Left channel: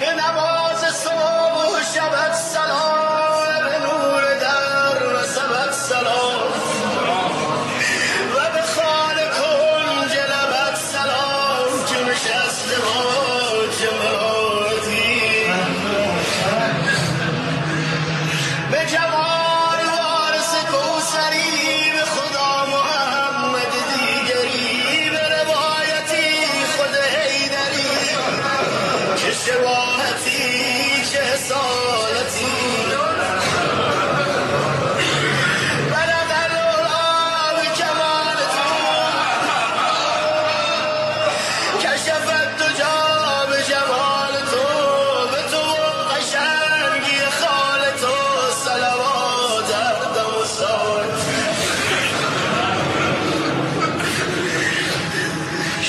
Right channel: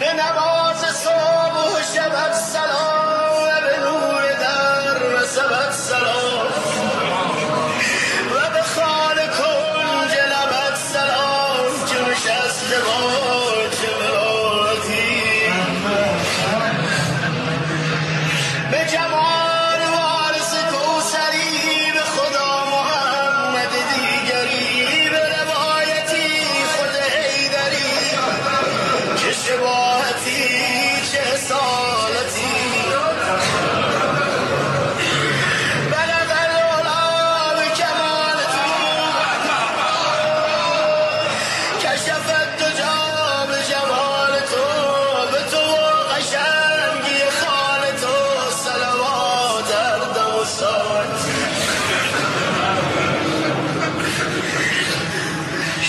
به نماز صبح و شبت سلام، به نور در رسبت سلام، و به خال کنج لبت سلام که نشسته با چه ملاتی، به جمال وارث کوثری، به خدا محمد دیگری، به روایتی خود حیدری که شباهتی چه اصالتی، بلغ العلا به کمال تو، کشفت دجا به جمال تو، به تو و قشنگی خال تو صلوات هر دم و ساعت.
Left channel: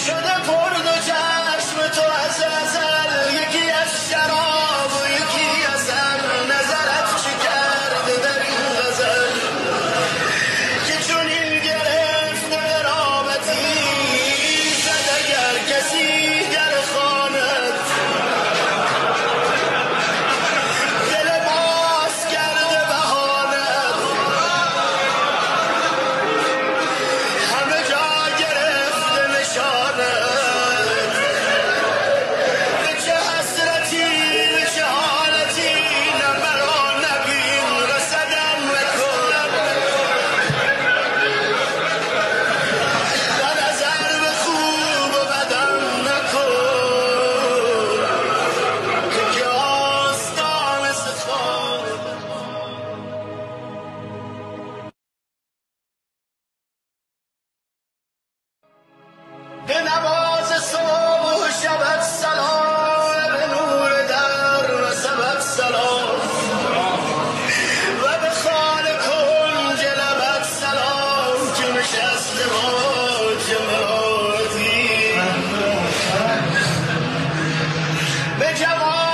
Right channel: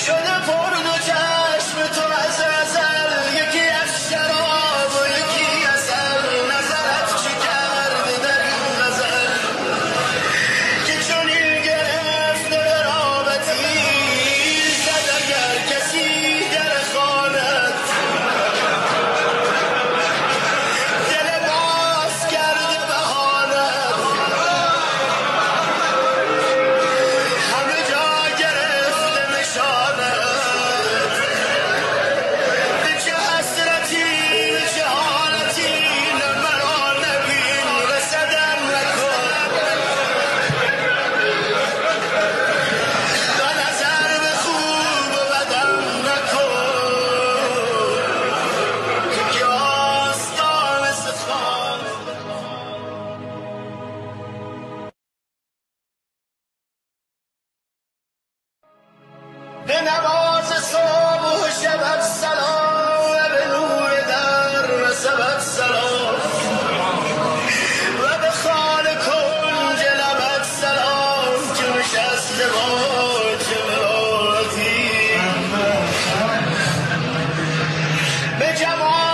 شده پر دو چشم تو از ازل، یکی از شراب و یکی عسل، نظرت چه کرده در این غزل که چنین گرفته قرابتی، زد اگر کسی در خانت، دل باز کرده بهانت، همه جا گرفته نشانت، به چه حسرتی به چه حالتی، نه مرا نبین رسدم نکن، و نظر به خوب و بدم نکن، که آستان ستخانه به نماز صبح و شبت سلام، به نور در رسبت سلام، و به خال کنج لبت سلام که نشسته با چه ملاتی، به جمال